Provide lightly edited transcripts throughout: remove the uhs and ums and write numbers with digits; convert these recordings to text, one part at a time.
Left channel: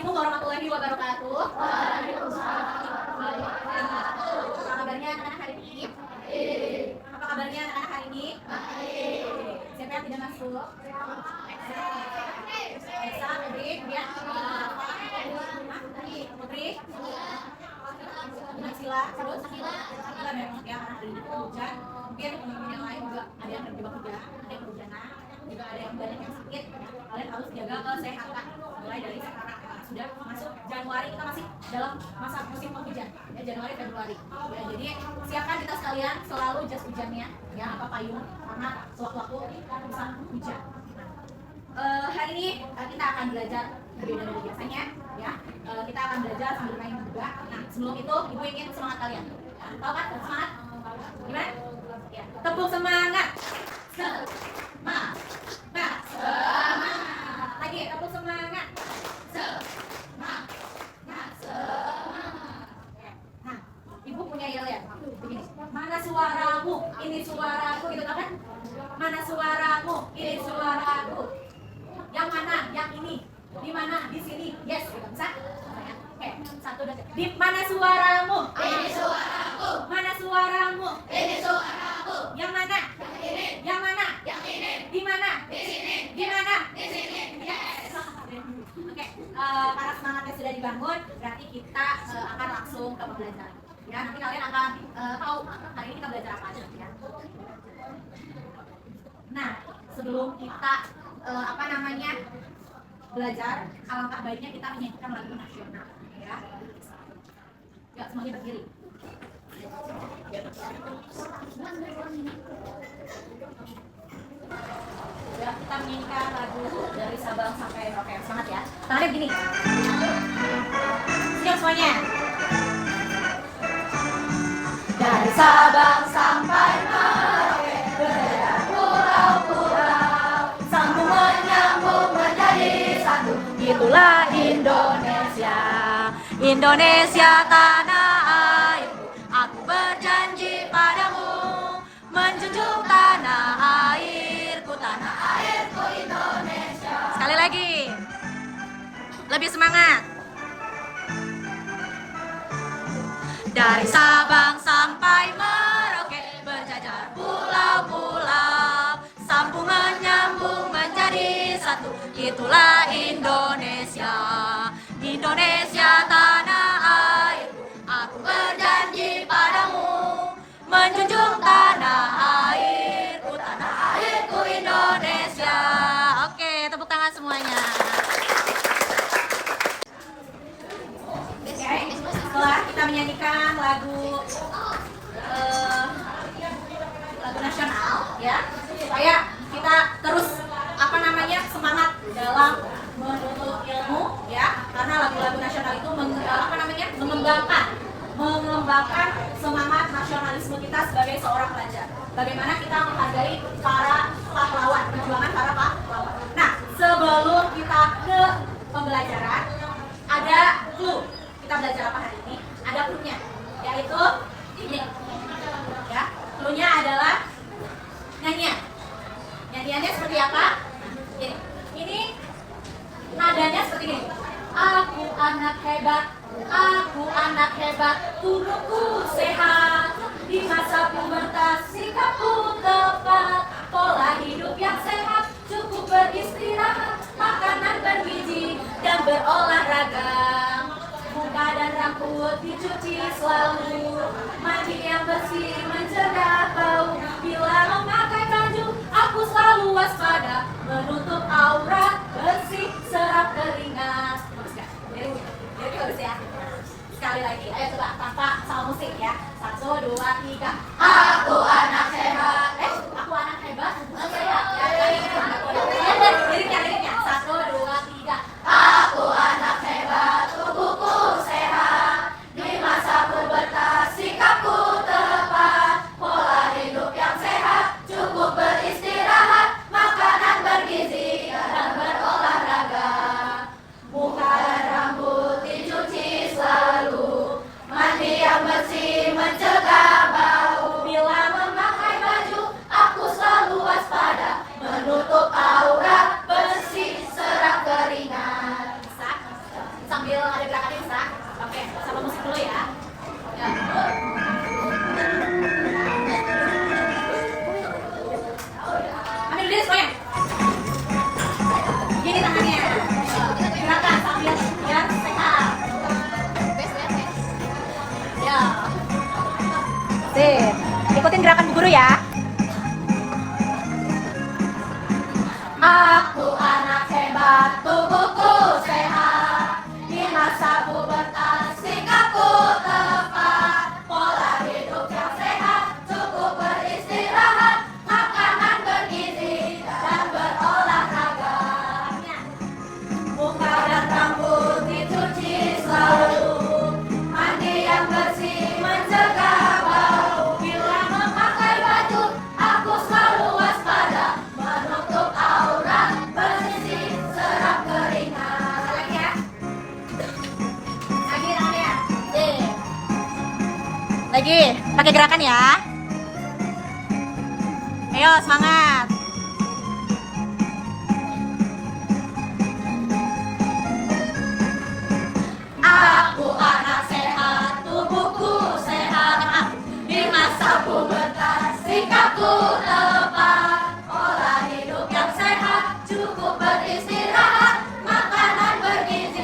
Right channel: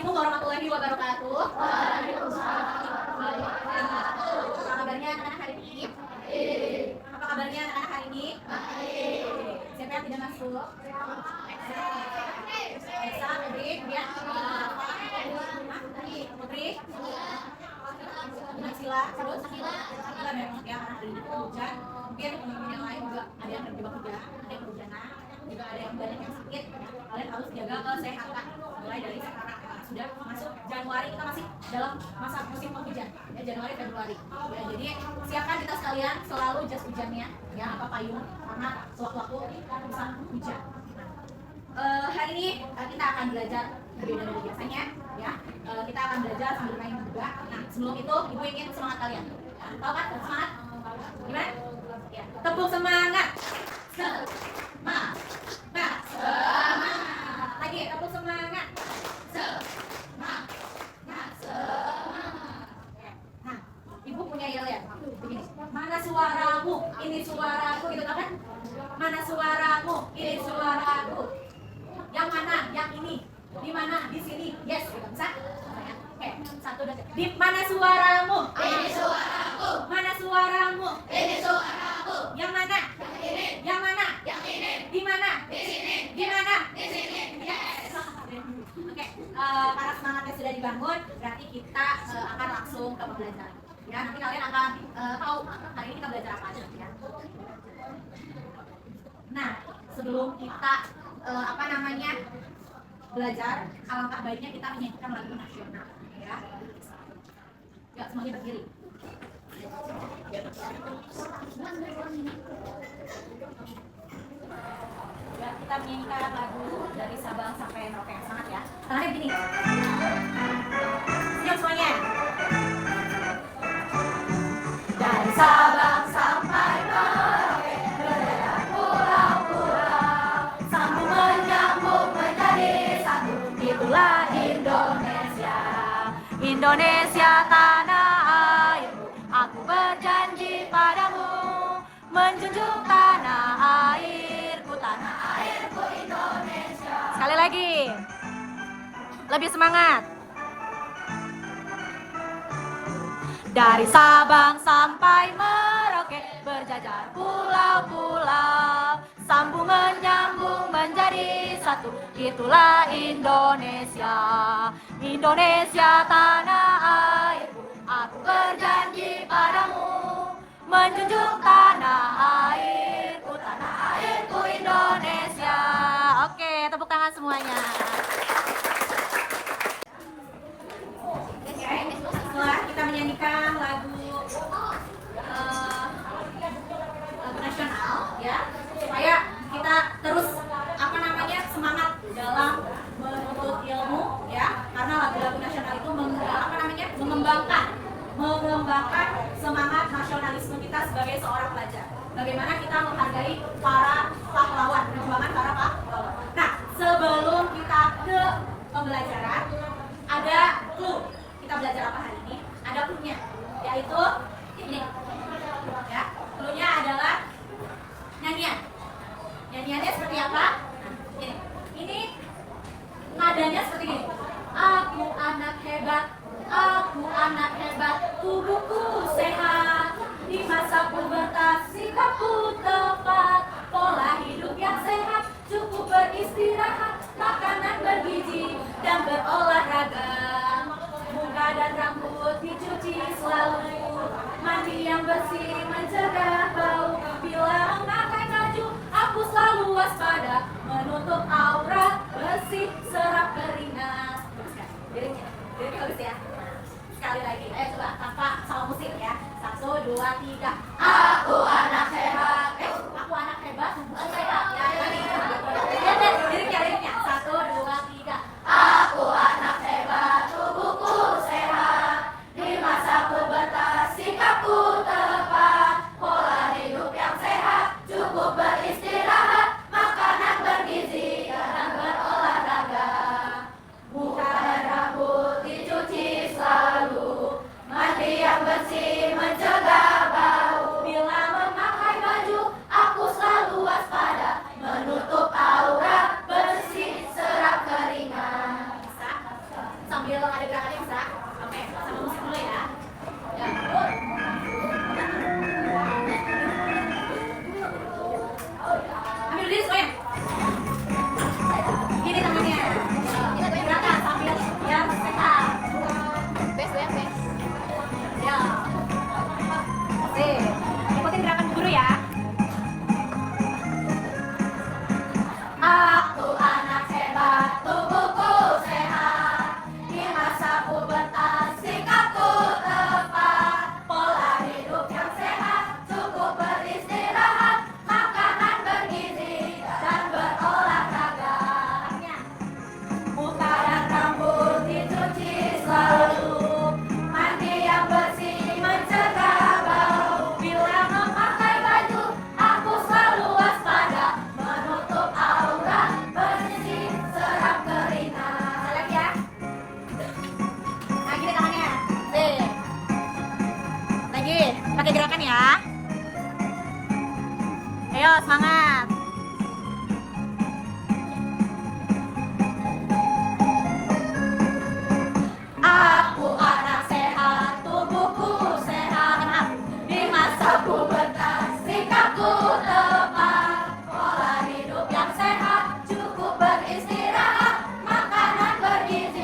Assalamualaikum warahmatullahi wabarakatuh. Apa kabarnya anak-anak hari ini? Apa kabarnya anak-anak hari ini? Siapa yang tidak masuk? Esa, Putri, ya. Putri. Sila, terus Sila memang ya anak hari ini hujan. Mungkin teman-teman yang lain juga ada yang terjebak hujan, ada yang kehujanan, juga ada yang banyak yang sakit. Kalian harus jaga kesehatan mulai dari sekarang. Sudah masuk Januari, kita masih dalam masa musim penghujan ya, Januari Februari ya, jadi siapkan kita sekalian selalu jas hujannya ya, apa payung karena sewaktu-waktu bisa hujan. Hari ini kita akan belajar berbeda dari biasanya ya, kita akan belajar sambil main juga. Nah sebelum itu ibu ingin semangat kalian ya, tahu kan semangat gimana ya, tepuk semangat semangat lagi, tepuk semangat semangat. Nah, ibu punya yel ya, begini. Mana suaramu? Ini suaraku, gitu kan? Mana suaramu? Ini suaraku. Yang mana? Yang ini. Di mana? Di sini. Yes, gitu. Bisa? Oke, satu dua. Di mana suaramu? Ini suaraku. Mana suaramu? Ini suaraku. Yang mana? Yang ini. Yang mana? Yang ini. Di mana? Di sini. Di mana? Di sini. Yes. Oke, karena semangatnya sudah dibangun, berarti kita akan langsung ke pembelajaran. Ya, nanti kalian akan tahu hari ini kita belajar apa aja ya. Nah, sebelum kita belajar, alangkah baiknya kita menyanyikan lagu nasional. Ya, ya semuanya berdiri. Ya, kita menyanyikan lagu dari Sabang sampai Merauke. Semangat ya. Tangannya begini. Siap semuanya. Dari Sabang sampai Merauke, berjalan pulau-pulau, sambung menyambung menjadi satu. Itulah Indonesia, Indonesia tanah airku. Aku berjanji padamu, menjunjung tanah airku, tanah airku Indonesia. Sekali lagi, lebih semangat. Dari Sabang sampai Merauke, berjajar pulau-pulau, sambung menyambung menjadi satu. Itulah Indonesia, Indonesia tanah airku. Aku berjanji padamu, menjunjung tanah airku, tanah airku Indonesia. Oke, tepuk tangan semuanya. Setelah kita menyanyikan lagu nasional ya, supaya kita terus semangat dalam menuntut ilmu ya, karena lagu-lagu nasional itu mengembangkan semangat nasionalisme kita sebagai seorang pelajar. Bagaimana kita menghargai para pahlawan, perjuangan para pahlawan. Nah, sebelum kita ke pembelajaran, ada clue. Kita belajar apa hari ini? Ada clue-nya, yaitu ini. Ya, clue-nya adalah nyanyian. Nyanyiannya seperti apa? Ini nadanya seperti ini. Aku anak hebat, tubuhku sehat. Di masa pubertas sikapku tepat, pola hidup yang sehat, cukup beristirahat, makanan bergizi dan berolahraga. Muka dan rambut dicuci selalu, mandi yang bersih mencegah bau. Bila memakai baju, aku selalu waspada, menutup aurat, bersih, serap keringat. Jadi bagus ya. Sekali lagi, ayo coba tanpa salah musik ya. 1, 2, 3. Aku anak sehat. Aku anak hebat. Liriknya. 1, 2, 3. Aku anak hebat, tubuhku sehat. Di masa pubertas sikapku tepat, pola hidup yang sehat, cukup beristirahat, makanan bergizi dan berolahraga. kalau ada gerakannya bisa. Oke, sama musik dulu ya. Ya. Ambil dulu semuanya. Gini tangannya. Gerakan sambil biar sehat. Ya. Sip. Ikutin gerakan Bu Guru ya. Aku anak hebat, tubuhku sehat. Di masa pubertas sikapku tepat. Pola hidup yang sehat, cukup beristirahat, makanan bergizi dan berolahraga. Muka dan rambut dicuci selalu, mandi yang bersih mencegah bau. Bila memakai baju, aku selalu waspada, menutup aurat, bersih serap keringat. Lagi ya. Lagi tangannya. Lagi, pakai gerakan ya. Ayo semangat. Aku anak sehat, tubuhku sehat. Di masa pubertas sikapku tepat. Pola hidup yang sehat, cukup beristirahat, makanan bergizi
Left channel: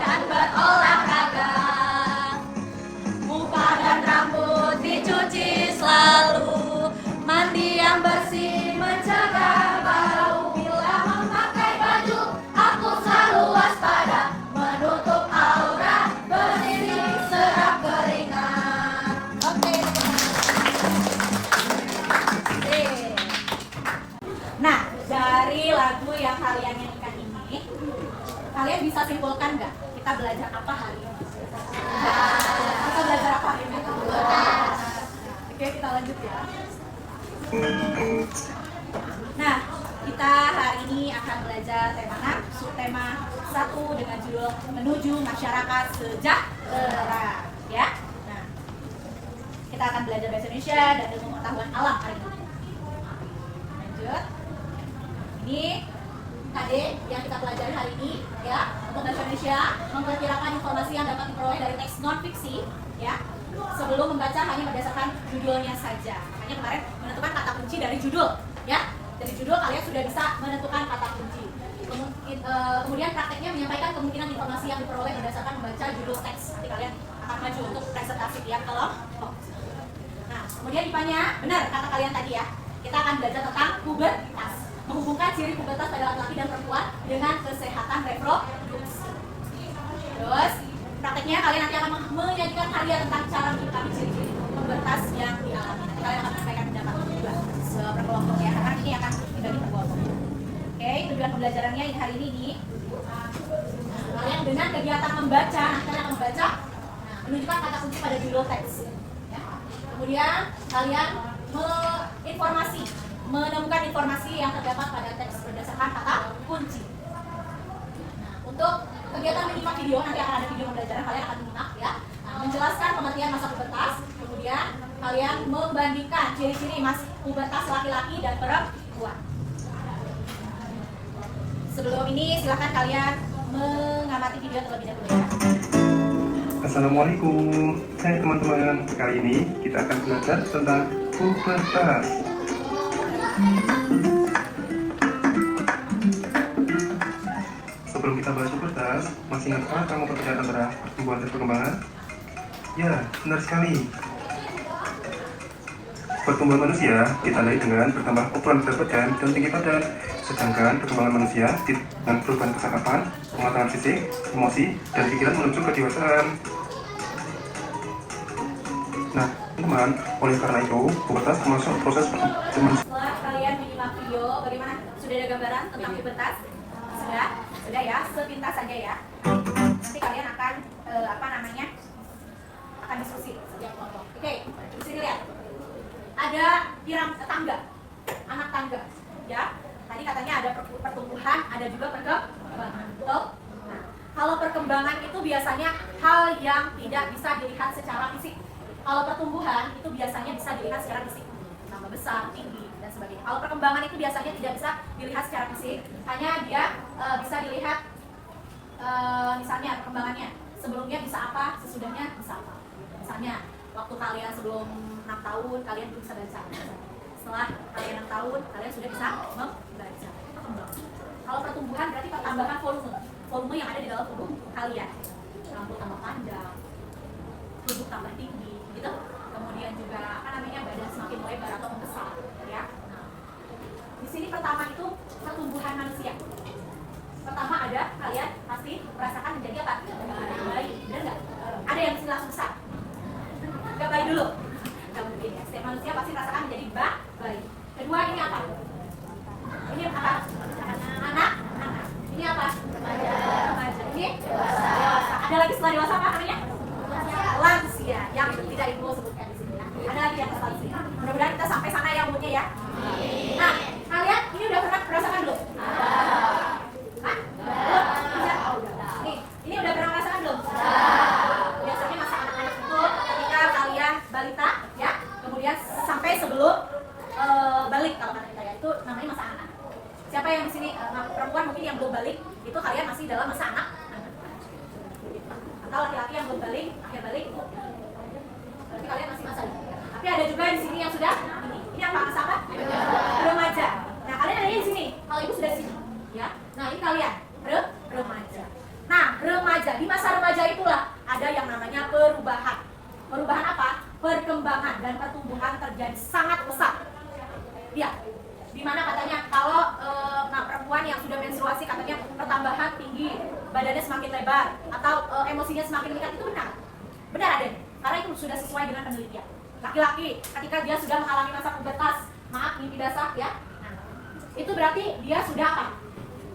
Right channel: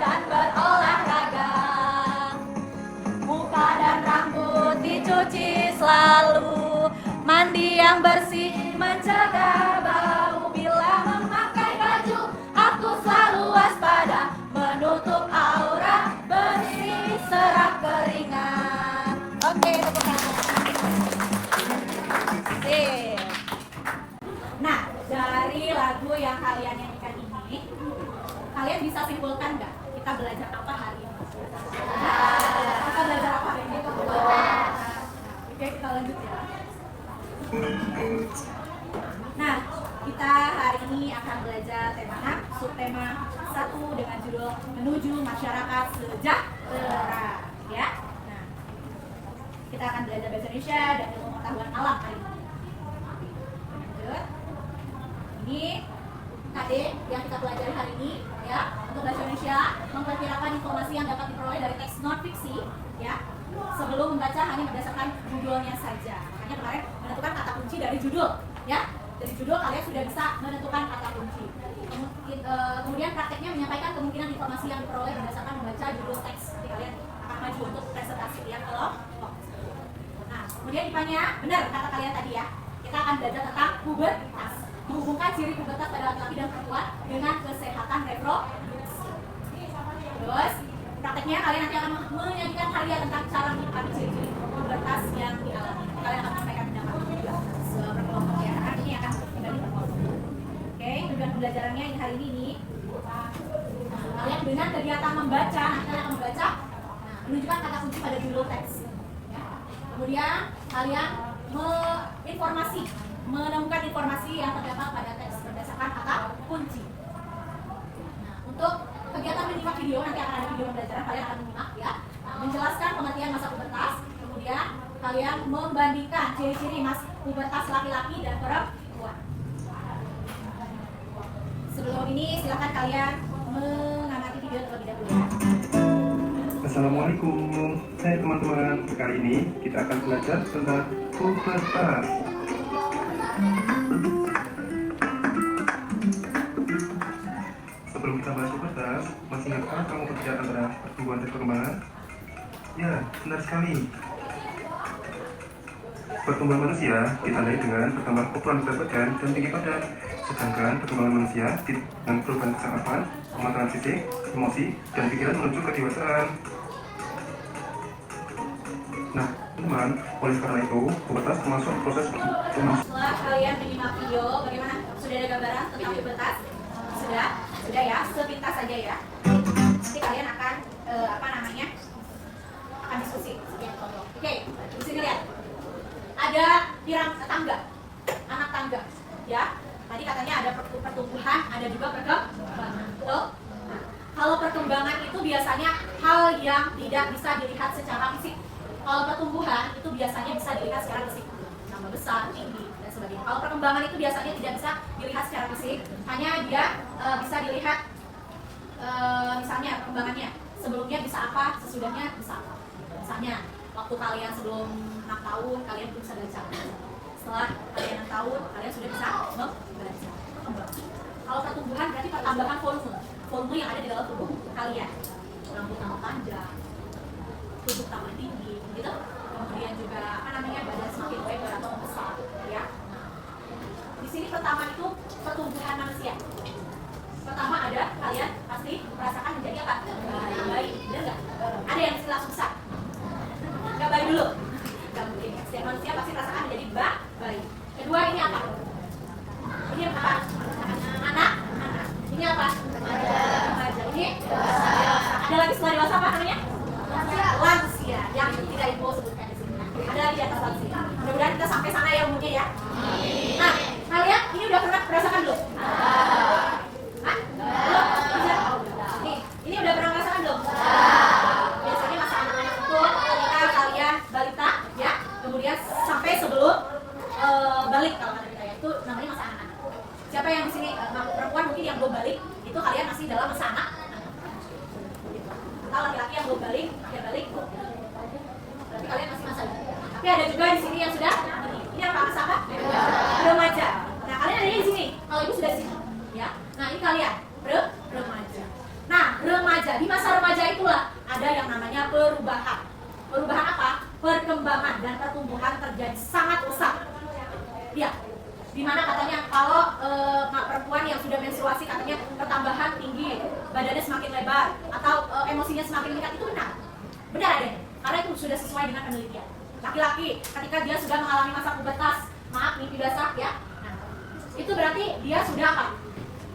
dan berolahraga. Muka dan rambut dicuci selalu, mandi yang bersih mencegah bau. Bila memakai baju, aku selalu waspada, menutup aurat, bersih serap keringat. Oke. Nah, dari lagu yang kalian nyanyikan ini, kalian bisa simpulkan nggak kita belajar apa hari ini? Kita belajar apa hari ini? Oke, kita lanjut ya. Nah, kita hari ini akan belajar tema subtema 1 dengan judul menuju masyarakat sejahtera, ya. Nah, kita akan belajar bahasa Indonesia dan ilmu pengetahuan alam hari ini. Lanjut. Ini KD yang kita pelajari hari ini, ya. Untuk bahasa Indonesia memperkirakan informasi yang dapat diperoleh dari teks non fiksi, ya. Sebelum membaca hanya berdasarkan judulnya saja. Makanya kemarin menentukan kata kunci dari judul, ya. Dari judul kalian sudah bisa menentukan kata kunci. Kemudian prakteknya menyampaikan kemungkinan informasi yang diperoleh berdasarkan membaca judul teks. Jadi kalian akan maju untuk presentasi ya kalau. Nah, kemudian IPA-nya benar kata kalian tadi ya. Kita akan belajar tentang pubertas, menghubungkan ciri pubertas pada laki-laki dan perempuan dengan kesehatan reproduksi. Terus prakteknya kalian nanti akan menyajikan karya tentang cara mencari ciri-ciri pubertas yang dialami. Nanti kalian akan menyampaikan pendapat juga seberkelompok ya, karena ini akan dibagi per kelompok. Oke, tujuan pembelajarannya ini hari ini nih. Kalian dengan kegiatan membaca, nanti kalian akan membaca, menunjukkan kata kunci pada judul teks. Ya. Kemudian kalian menemukan informasi yang terdapat pada teks berdasarkan kata kunci. Nah, untuk kegiatan menyimak video, nanti akan ada video pembelajaran, kalian akan menyimak ya. Menjelaskan pengertian masa pubertas, kemudian kalian membandingkan ciri-ciri pubertas laki-laki dan perempuan. Sebelum ini silakan kalian mengamati video terlebih dahulu ya. Assalamualaikum, hai teman-teman. Kali ini kita akan belajar tentang pubertas. Sebelum kita bahas pubertas, masih ingatkah kamu perbedaan antara pertumbuhan dan perkembangan? Ya, benar sekali. Pertumbuhan manusia ditandai dengan bertambah ukuran berat badan dan tinggi badan, sedangkan perkembangan manusia dengan perubahan kesehatan, pematangan fisik, emosi, dan pikiran menuju kedewasaan. Nah, teman, oleh karena itu, pubertas termasuk proses perkembangan. Setelah kalian menyimak video, bagaimana? Sudah ada gambaran tentang pubertas? Sudah ya, sepintas saja ya. Nanti kalian akan akan diskusi setiap kelompok. Oke, bisa dilihat. Ada tangga, anak tangga, ya. Tadi katanya ada pertumbuhan, ada juga perkembangan. Betul? Nah, kalau perkembangan itu biasanya hal yang tidak bisa dilihat secara fisik. Kalau pertumbuhan itu biasanya bisa dilihat secara fisik, tambah besar, tinggi, dan sebagainya. Kalau perkembangan itu biasanya tidak bisa dilihat secara fisik, hanya dia bisa dilihat misalnya dasarnya, perkembangannya. Sebelumnya bisa apa, sesudahnya bisa apa. Misalnya, waktu kalian sebelum 6 tahun, kalian belum bisa baca. Setelah kalian 6 tahun, kalian sudah bisa membaca. Kalau pertumbuhan berarti pertambahan volume yang ada di dalam tubuh kalian. Rambut tambah panjang, tubuh tambah tinggi, gitu. Kemudian juga badan semakin lebar atau membesar, ya. Nah, di sini pertama itu pertumbuhan manusia. Pertama ada kalian pasti merasakan menjadi apa? Bayi, benar nggak? Ada yang langsung besar? Nggak bayi dulu? Nggak mungkin ya. Setiap manusia pasti merasakan menjadi bayi. Kedua ini apa? Ini apa? Anak. Ini apa? Remaja. Ini dewasa. Ada lagi setelah dewasa apa namanya? Lansia. Yang tidak ibu sebutkan di sini. Ada lagi di atas lansia. Mudah-mudahan kita sampai sana ya umumnya ya. Nah, kalian ini udah pernah merasakan belum? Hah? Belum? Bisa? Nih, ini udah pernah merasakan belum? Biasanya masa anak-anak itu ketika kalian balita, ya, kemudian sampai sebelum balik kalau kata kita ya, itu namanya masa anak. Siapa yang di sini perempuan mungkin yang belum balik, itu kalian masih dalam masa anak. Atau laki-laki yang belum balik, ya balik itu. Berarti kalian masih masa ini. Tapi ada juga di sini yang sudah ini. Ini apa? Masa apa? Remaja. Nah, kalian ada di sini. Kalau ibu sudah di sini, ya. Nah, ini kalian remaja. Nah, remaja, di masa remaja itulah ada yang namanya perubahan. Perubahan apa? Perkembangan dan pertumbuhan terjadi sangat pesat. Ya. Dimana katanya kalau perempuan yang sudah menstruasi katanya pertambahan tinggi, badannya semakin lebar, atau emosinya semakin meningkat, itu benar. Benar ada. Karena itu sudah sesuai dengan penelitian. Laki-laki ketika dia sudah mengalami masa pubertas, maaf mimpi basah ya, nah, itu berarti dia sudah apa?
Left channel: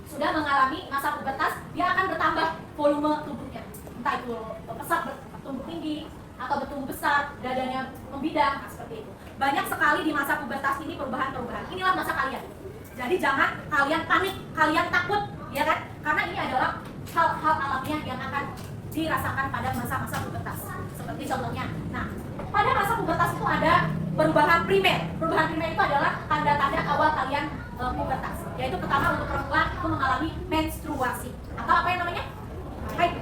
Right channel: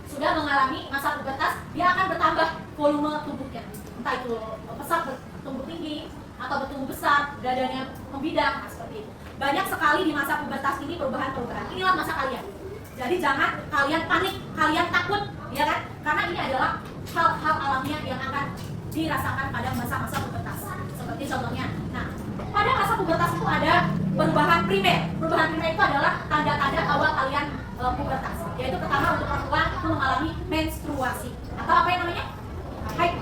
Sudah mengalami masa pubertas, dia akan bertambah volume tubuhnya. Entah itu pesat bertumbuh tinggi atau bertumbuh besar, dadanya membidang, nah, seperti itu. Banyak sekali di masa pubertas ini perubahan-perubahan. Inilah masa kalian. Jadi jangan kalian panik, kalian takut, ya kan? Karena ini adalah hal-hal alamiah yang akan dirasakan pada masa-masa pubertas. Seperti contohnya, nah, pada masa pubertas itu ada perubahan primer. Perubahan primer itu adalah tanda-tanda awal kalian pubertas. Yaitu pertama untuk perempuan itu mengalami menstruasi. Atau apa yang namanya? Haid.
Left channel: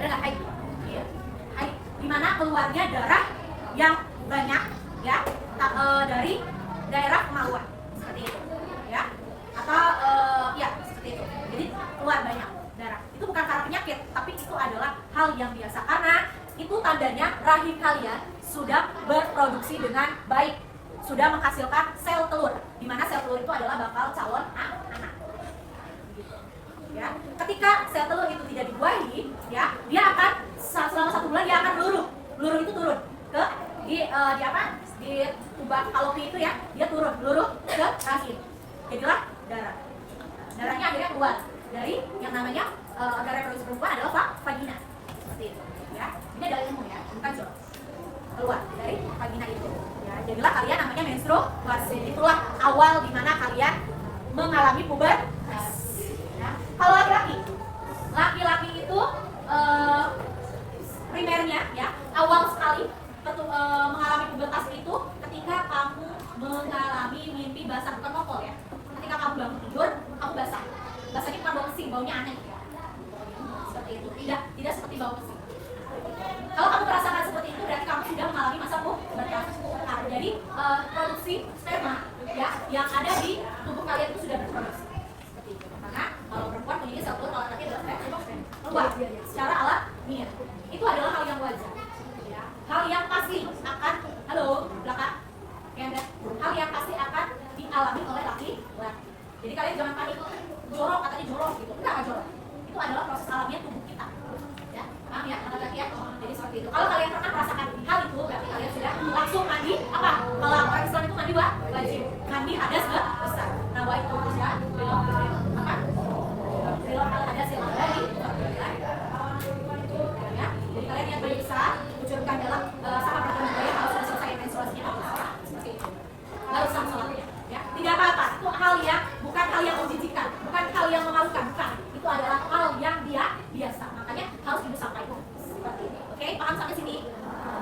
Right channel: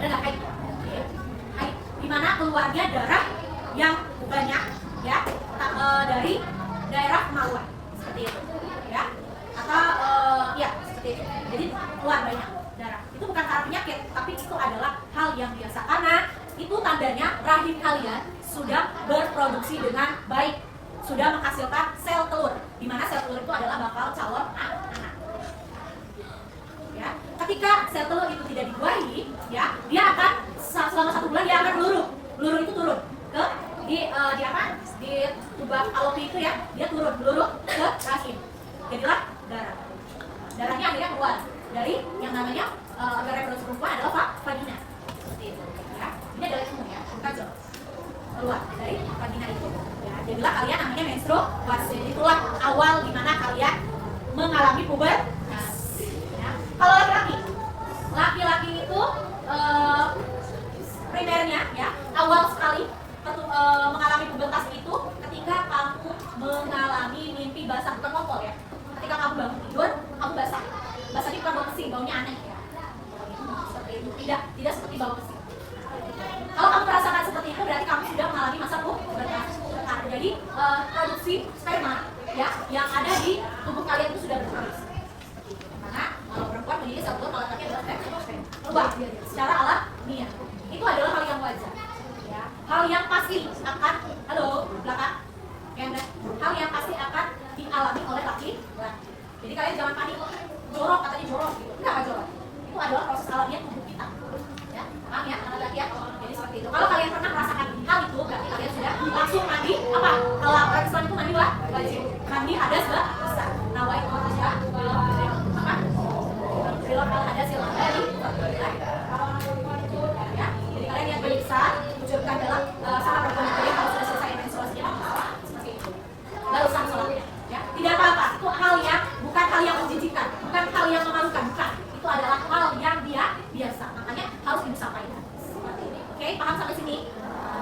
Benar nggak haid? Haid. Dimana keluarnya darah yang banyak, ya, dari daerah kemaluan. Seperti itu, ya. Atau ya, seperti itu. Jadi keluar banyak darah. Itu bukan karena penyakit, tapi itu adalah hal yang biasa. Karena itu tandanya rahim kalian sudah berproduksi dengan baik, sudah menghasilkan sel telur, di mana sel telur itu adalah bakal calon anak. Ya, ketika sel telur itu tidak dibuahi, ya, dia akan selama 1 bulan dia akan meluruh. Meluruh itu turun ke di apa? Di tuba falopi itu ya, dia turun meluruh ke rahim. Jadilah darah. Darahnya akhirnya keluar dari yang namanya organ reproduksi perempuan adalah vagina. Seperti itu, ya. Ini adalah ilmu ya, bukan zon. Keluar dari vagina itu. Ya, jadilah kalian namanya menstruasi. Itulah awal dimana kalian mengalami pubertas. Ya. Kalau laki-laki itu primernya ya, awal sekali mengalami pubertas itu ketika kamu mengalami mimpi basah, bukan ngompol ya. Ketika kamu bangun tidur, kamu basah. Basahnya bukan bau pesing, baunya aneh ya. Seperti itu, tidak seperti bau pesing. Kalau kamu merasakan seperti itu, berarti kamu sudah mengalami masa pubertas. Nah, jadi produksi sperma ya yang ada di tubuh kalian itu sudah berproduksi. Seperti itu. Karena kalau perempuan memiliki sel telur, kalau laki adalah sperma. Ubah secara alamiah. Itu adalah hal yang wajar. Ya. Hal yang pasti akan, halo belakang, hal yang pasti akan dialami oleh laki-laki. Jadi kalian jangan panik, jorok katanya jorok gitu. Enggak jorok. Itu adalah proses alamiah tubuh kita. Ya, paham ya laki-laki ya? Jadi seperti itu. Kalau kalian pernah merasakan hal itu, berarti kalian sudah langsung mandi apa? Kalau orang Islam itu mandi wajib. Mandi hadas besar. Nawaitu ya, belum apa? Belum hadas yang dari ya. Jadi kalian yang bisa ucapkan dalam sama perempuan kalian kalau sudah selesai menstruasinya seperti itu. Baru sah sholatnya. Ya, tidak apa-apa. Itu hal yang bukan hal yang menjijikan, bukan hal yang memalukan, bukan. Itu adalah hal yang biasa. Makanya harus disampaikan seperti ini. Oke, paham sampai sini?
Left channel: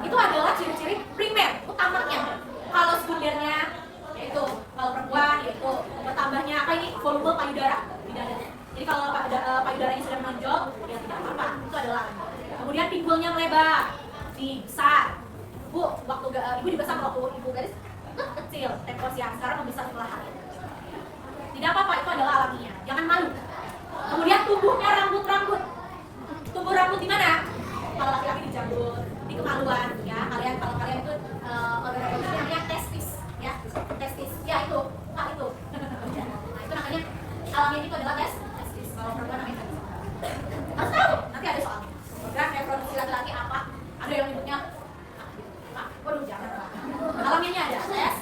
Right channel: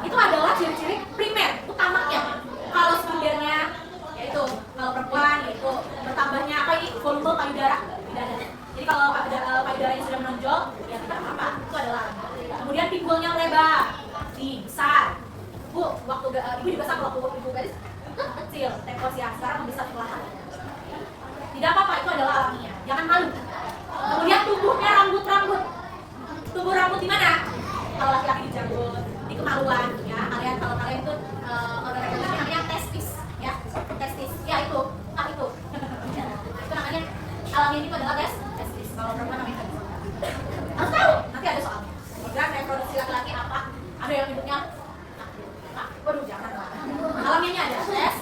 Itu adalah ciri-ciri primer, utamanya. Kalau sekundernya, yaitu kalau perempuan, yaitu bertambahnya apa ini volume payudara. lebar, di besar. Bu, waktu ibu juga sama waktu ibu gadis kecil, tekos ya, sekarang membesar perlahan. Tidak apa-apa, itu adalah alamiah. Jangan malu. Kemudian tumbuhnya rambut-rambut. Tumbuh rambut di mana? Kalau laki-laki di janggut, di kemaluan, ya. Kalau kalian itu olahraga namanya testis, ya. Testis, ya itu, itu. Nah, itu namanya alamiah itu adalah testis. Kalau perempuan namanya testis. Harus tahu, nanti ada soalnya. Program reproduksi laki-laki apa? Ada yang nyebutnya waduh jangan lah. Alamiahnya ada tes.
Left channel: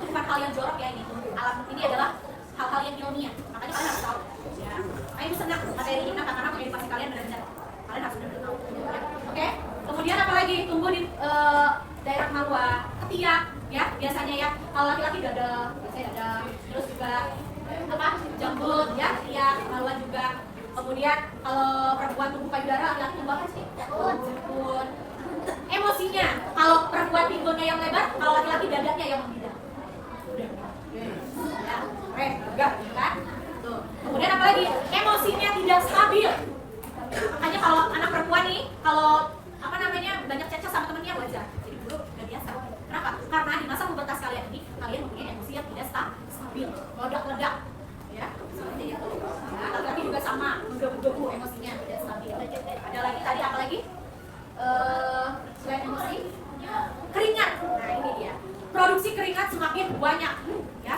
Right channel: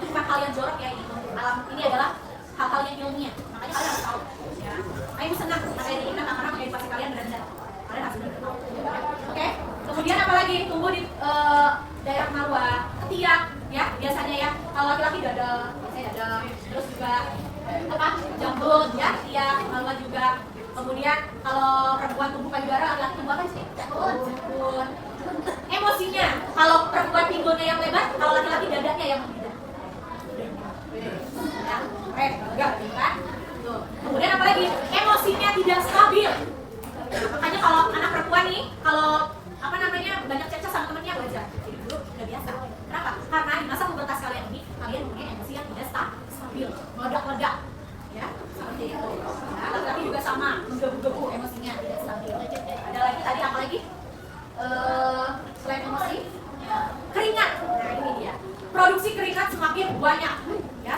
Itu bukan hal yang jorok ya ini. Alam ini adalah hal-hal yang ilmiah. Makanya kalian harus tahu. Ya. Nah, ibu senang materi ini karena motivasi kalian belajar. Kalian harus benar tahu. Ya. Oke. Kemudian apa lagi? Tumbuh di daerah kemaluan, ketiak, ya biasanya ya. Kalau laki-laki dada, biasanya dada. Terus juga apa? Jambut, ya, ketiak, kemaluan juga. Kemudian kalau perempuan tumbuh payudara, laki-laki tumbuh apa sih? Jemput. Emosinya, kalau perempuan pinggulnya yang lebar, kalau laki-laki dadanya yang membidang. Ya, enggak, kan? Tuh. Kemudian apa lagi? Emosinya tidak stabil. Makanya kalau anak perempuan nih, kalau apa namanya banyak cecah sama temennya wajar. Jadi dulu udah biasa. Kenapa? Karena di masa pubertas kalian ini, kalian mempunyai emosi yang tidak stabil, meledak-ledak. Ya, seperti itu. Ya, laki-laki juga sama, menggebu-gebu emosinya tidak stabil. Ada lagi tadi apa lagi? Selain emosi, keringat. Nah ini dia. Produksi keringat semakin banyak. Ya,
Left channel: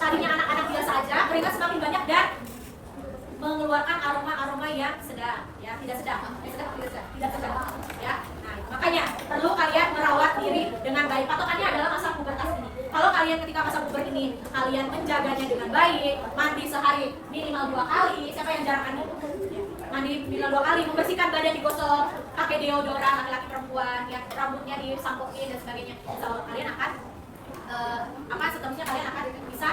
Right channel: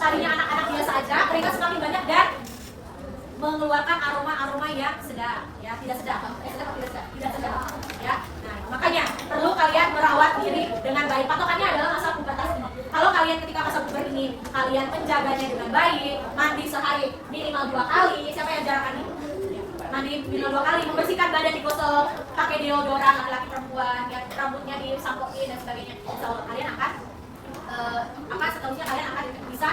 tadinya anak-anak biasa aja, keringat semakin banyak dan mengeluarkan aroma-aroma yang sedap. Ya, tidak sedap. Tidak sedap. Ya. Nah, makanya perlu kalian merawat diri dengan baik. Patokannya adalah masa pubertas ini. Kalau kalian ketika masa puber ini kalian menjaganya dengan baik, mandi sehari minimal 2 kali. Siapa yang jarang mandi? Mandi minimal 2 kali, membersihkan badan, digosok, pakai deodoran laki-laki perempuan, ya rambutnya disampoin dan sebagainya. Insya Allah kalian akan seterusnya kalian akan bisa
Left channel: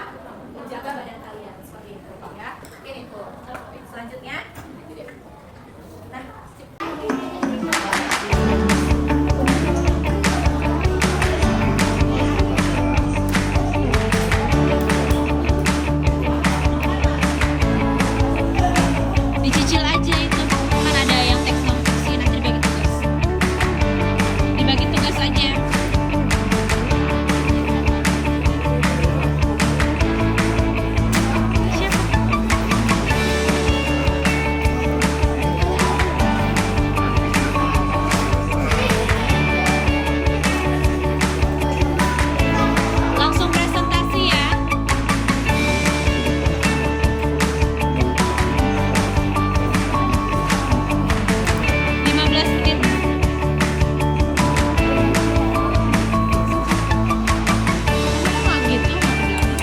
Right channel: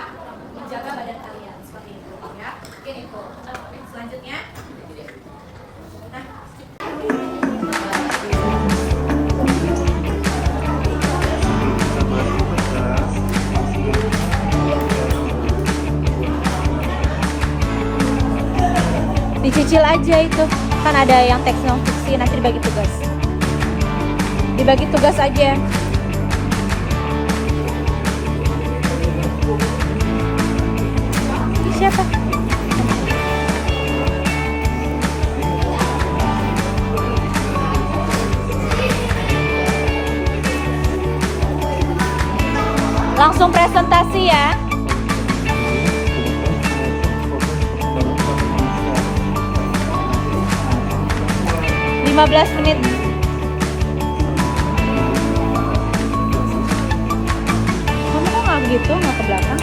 menjaga badan kalian seperti itu, ya. Mungkin itu. Selanjutnya, nah. Dicicil aja itu, kan ada yang teks non fiksi, nanti dibagi tugas aja. Siapa? Langsung presentasi ya. 15 menit. Kamu nggak gitu, nggak ke belakang?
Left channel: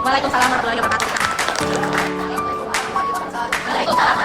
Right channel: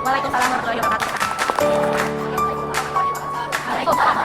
Waalaikumsalam warahmatullahi wabarakatuh. Waalaikumsalam.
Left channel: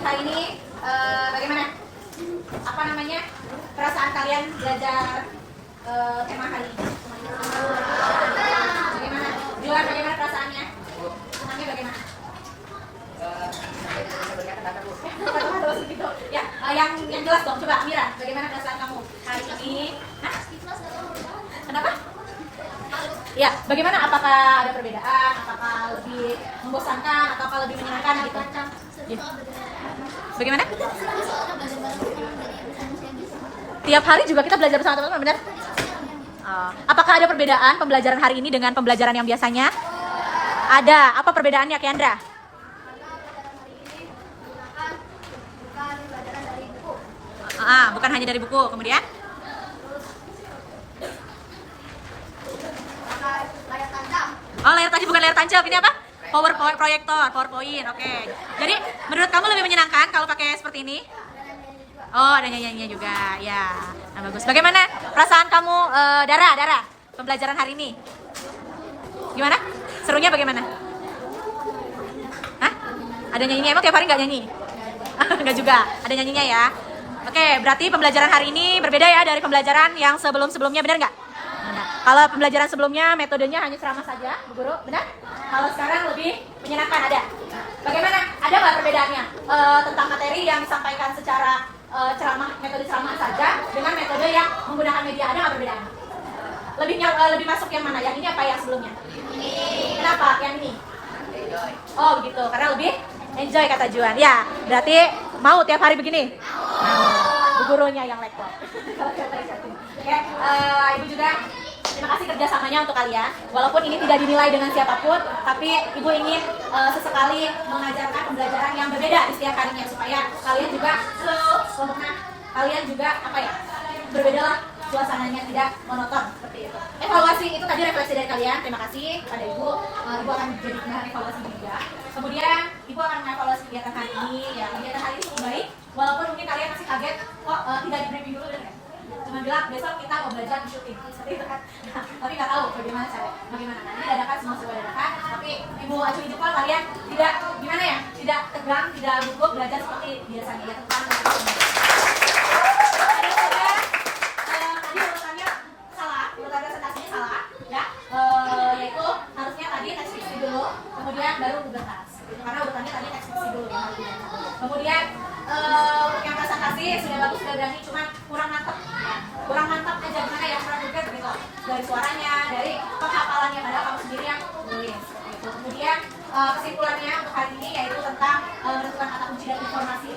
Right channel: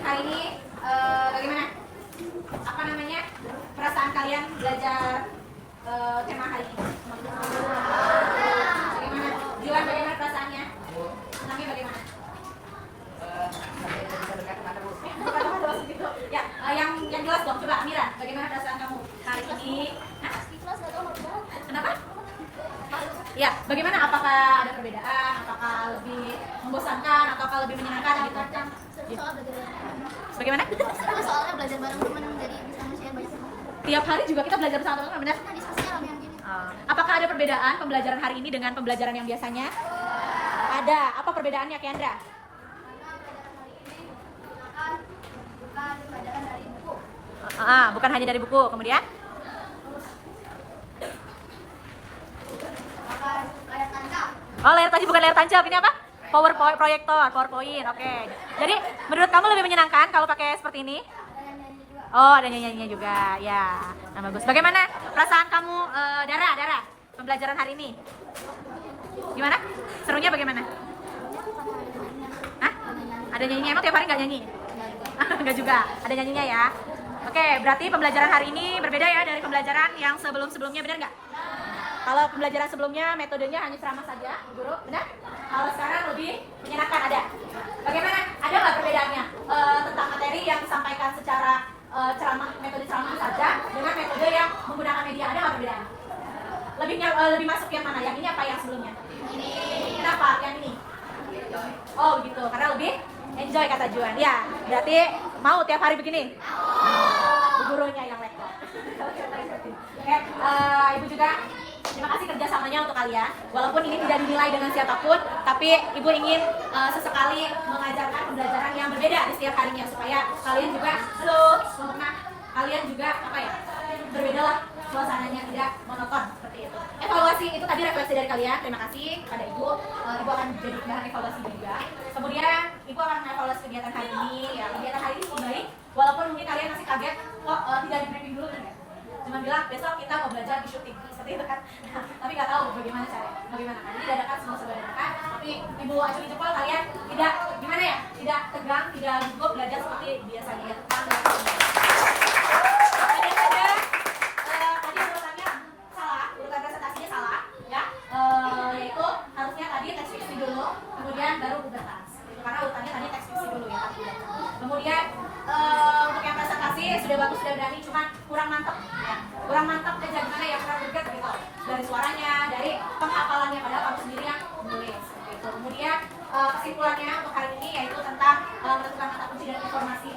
hari ini bagaimana? Apa namanya? Perasaan kalian belajar tema hari ini? Bagaimana? Juan, bagaimana perasaannya? Nami bagaimana? Ya, yang jelas dong. Coba Mira, bagaimana perasaan kamu hari ini? Hah? Kenapa? Ya, bagaimana? Apakah ada perbedaan? Apakah lebih membosankan? Apakah lebih menyenangkan gitu? Ya. Bagaimana? Tiap hari juga kita belajar bersama teman-teman, benar? Apakah ada perbedaan pembelajaran hari ini dengan pembelajaran yang biasanya? Ada. Apa perbedaannya, Kendra? Bukan hanya dari buku. Kemudian? Oh, layar tancap, bukan layar tancap. Ini apa? PowerPoint. Oke. Jadi, menurut kamu lebih menyenangkan kalau pakai seperti ini? Oh, ada nyanyiannya juga. Ya, nah bagus. Bagaimana perasaan kamu, Dara, pembelajaran hari ini? Gimana? Serunya bagaimana? Hah? Ada nyanyinya? Emang tiap hari nggak nyanyi? Nggak juga. Ada nyanyinya ya. Oke, berarti pembelajaran hari ini berbeda ya dari pembelajaran yang sebelum-sebelumnya, benar nggak? Kalau pembelajaran sebelumnya metodenya hanya ceramah saja, guru, benar? Kalau sekarang lebih menyenangkan, ada. Bagaimana? Ada nggak perbedaannya tentang materi yang disampaikan secara ceramah, metode ceramah saja dengan metode yang menggunakan media? Ada nggak perbedaan? Lebih masuk yang mana? Yang ini apa yang sebelumnya? Kenapa? Yang ini? Oh begitu, karena lebih enjoy kata Juan. Ya, berarti mau tiap hari begini? Gurunya yang lektor. Oke, Ibu juga terima kasih kerjasamanya untuk kalian. Walaupun ini tidak dinilai dengan siapapun, tapi Ibu ingin sesekali mengajarkan pembelajaran yang berbeda di setiap harinya supaya kalian juga, kalian juga apa ya, berbedalah suasananya, tidak monoton seperti itu. Evaluasi itu tadi refleksi dari kalian. Terima kasih pada Ibu. Ibu akan jadi bahan evaluasi juga. Kemudian Ibu akan mengevaluasi kegiatan hari ini. Ya, kegiatan hari ini cukup baik. Walaupun mungkin kalian masih kaget, kok tidak di briefing dulu, kan? Cuma bilang besok kita mau belajar di syuting seperti itu kan. Tapi nggak tahu bagaimana cara, bagaimana. Ini dadakan, semua serba dadakan. Tapi Ibu acungi jempol, kalian tidak gimana ya, tidak tegang, tidak gugup, belajar seperti biasanya ya. Tentang ada saja tadi urutannya salah, urutan presentasinya salah, ya. Yaitu harusnya tadi teks fiksi dulu, kemudian baru pubertas. Karena urutannya tadi teks fiksi dulu ya. Kemudian untuk yang presentasi sudah bagus, sudah berani, cuma kurang mantap aja, gimana ya, kurang mungkin gitu dari suaranya, dari penghafalannya, padahal kamu sendiri yang tulis seperti itu. Kemudian kesimpulannya untuk hari ini yaitu tentang menentukan kata kunci dan informasi